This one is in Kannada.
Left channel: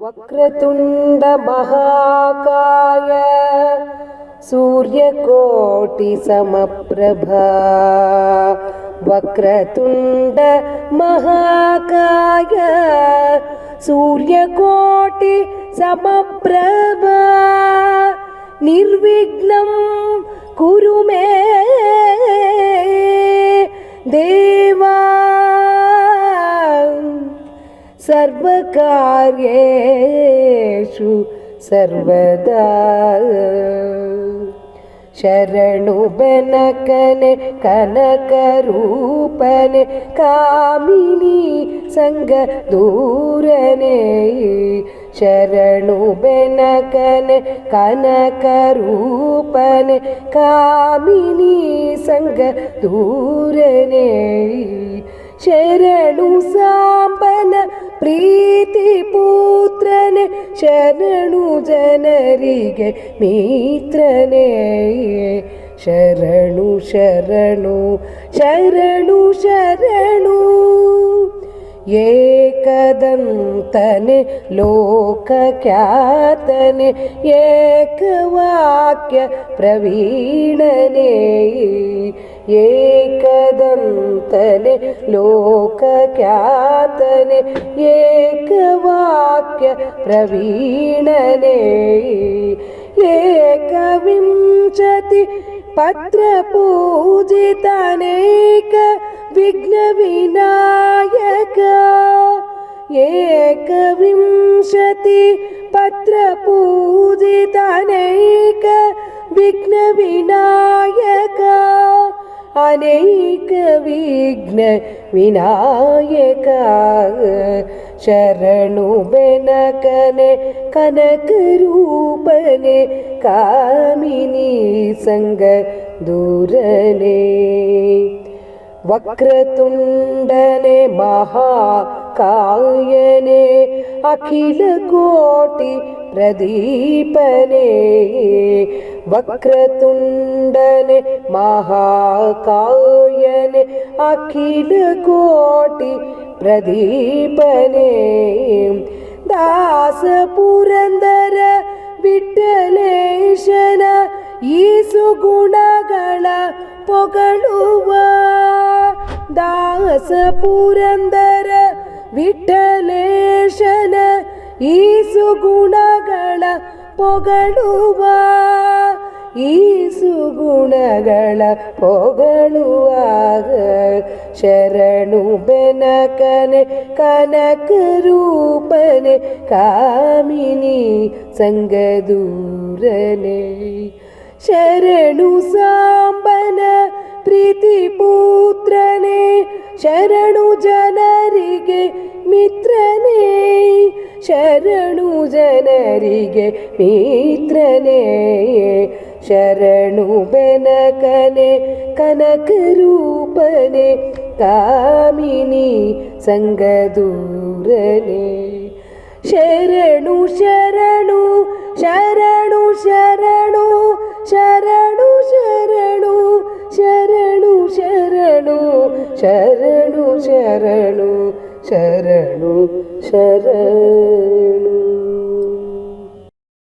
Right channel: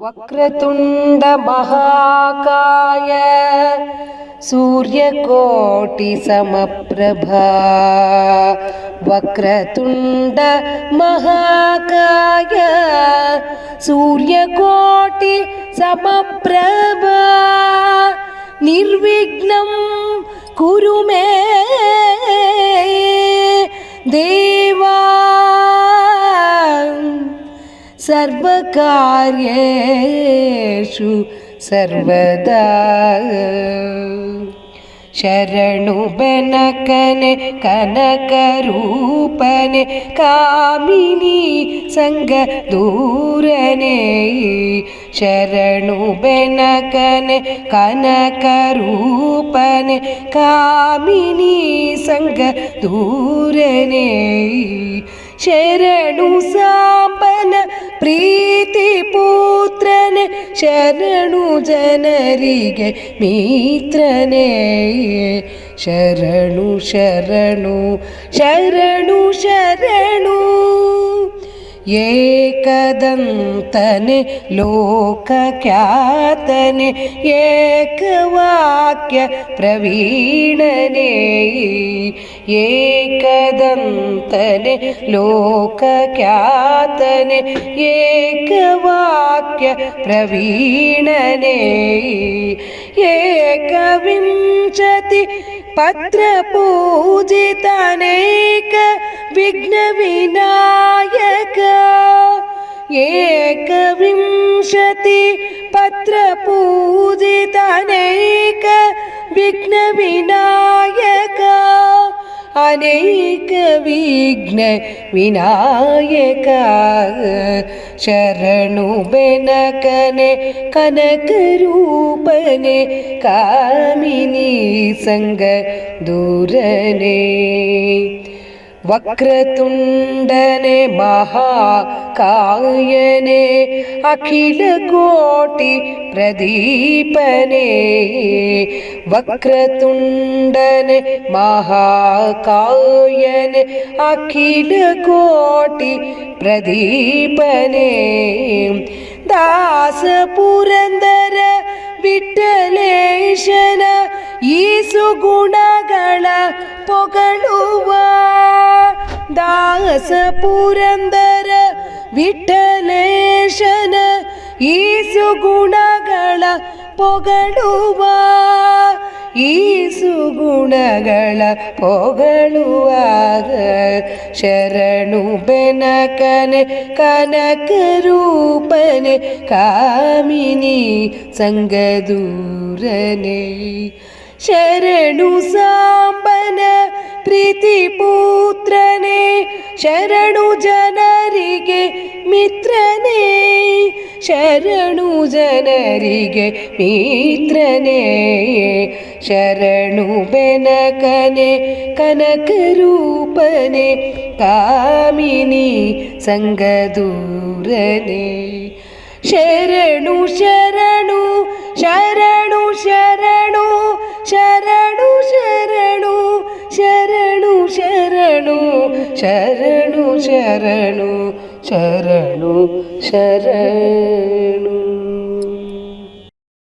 ವಕ್ರತುಂಡ ಮಹಾಕಾಯ ಸೂರ್ಯಕೋಟಿ ಸಮಪ್ರಭಾ ವಕ್ರತುಂಡ ಮಹಾಕಾಯ ಸೂರ್ಯಕೋಟಿ ಸಮಪ್ರಭಾ ನಿರ್ವಿಘ್ನಂ ಕುರು ಮೇ ದೇವಾ ಸರ್ವಕಾರ್ಯೇಷು ಸರ್ವದಾ ಶರಣು ಬೆನಕನೆ ಕನಕ ರೂಪನೆ ಕಾಮಿನಿ ಸಂಗ ದೂರನೆ ಶರಣು ಬೆನಕನೆ ಕನಕ ರೂಪನೆ ಕಾಮಿನಿ ಸಂಗ ದೂರನೆ ಶರಣು ಸಾಂಬನ ಪ್ರೀತಿ ಪುತ್ರನೆ ಶರಣು ಜನರಿಗೆ ಮಿತ್ರನೇ ಶರಣು ಶರಣು ಶರಣು ಶರಣು ಏಕದಂತನೆ ಲೋಕಖ್ಯಾತನೆ ಏಕವಾಕ್ಯ ಪ್ರವೀಣನೆ ಏಕದಂತನೆ ಲೋಕಖ್ಯಾತನೆ ಏಕವಾಕ್ಯ ಪ್ರವೀಣನೆ ಏಕವಿಂಶತಿ ಪತ್ರ ಪೂಜಿತನೇಕ ವಿಘ್ನ ವಿನಾಯಕ ಏಕವಿಂಶತಿ ಪತ್ರ ಪೂಜಿತನೇಕ ವಿಘ್ನ ವಿನಾಯಕ ಅನೇಕ ವಿಘ್ನ ವಿನಾಯಕ ಶರಣು ಬೆನಕನೆ ಕನಕ ರೂಪನೆ ಕಾಮಿನಿ ಸಂಗ ದೂರನೆ ವಕ್ರತುಂಡನೆ ಮಹಾಕಾಯನೆ ಅಖಿಲ ಕೋಟಿ ಪ್ರದೀಪನೆ ವಕ್ರತುಂಡನೆ ಮಹಾಕಾಯನೆ ಅಖಿಲ ಕೋಟಿ ಪ್ರದೀಪನೆ ದಾಸ ಪುರಂದರ ವಿಠಲೇಶನ ಈ ಸುಗುಣಗಳ ಪೊಗಳುವ ದಾಸ ಪುರಂದರ ವಿಠಲೇಶನ ಈ ಸುಗುಣಗಳ ಪೊಗಳುವ ಈ ಸುಗುಣಗಳ ಪೊಗಳುವಾಗ ಶರಣು ಬೆನಕನೆ ಕನಕ ರೂಪನೆ ಕಾಮಿನಿ ಸಂಗ ದೂರನೆ ಶರಣು ಸಾಂಬನ ಪ್ರೀತಿ ಪುತ್ರನೇ ಶರಣು ಜನರಿಗೆ ಮಿತ್ರನೇ ಶರಣು ಜನರಿಗೆ ಮಿತ್ರನೇ ಶರಣು ಬೆನಕನೆ ಕನಕ ರೂಪನೆ ಕಾಮಿನಿ ಸಂಗ ದೂರನೆ ಶರಣು ಶರಣು ಶರಣು ಶರಣು ಶರಣು ಶರಣು ಶರಣು ಶರಣು ಶರಣು ಶರಣು ಶರಣು ಶರಣು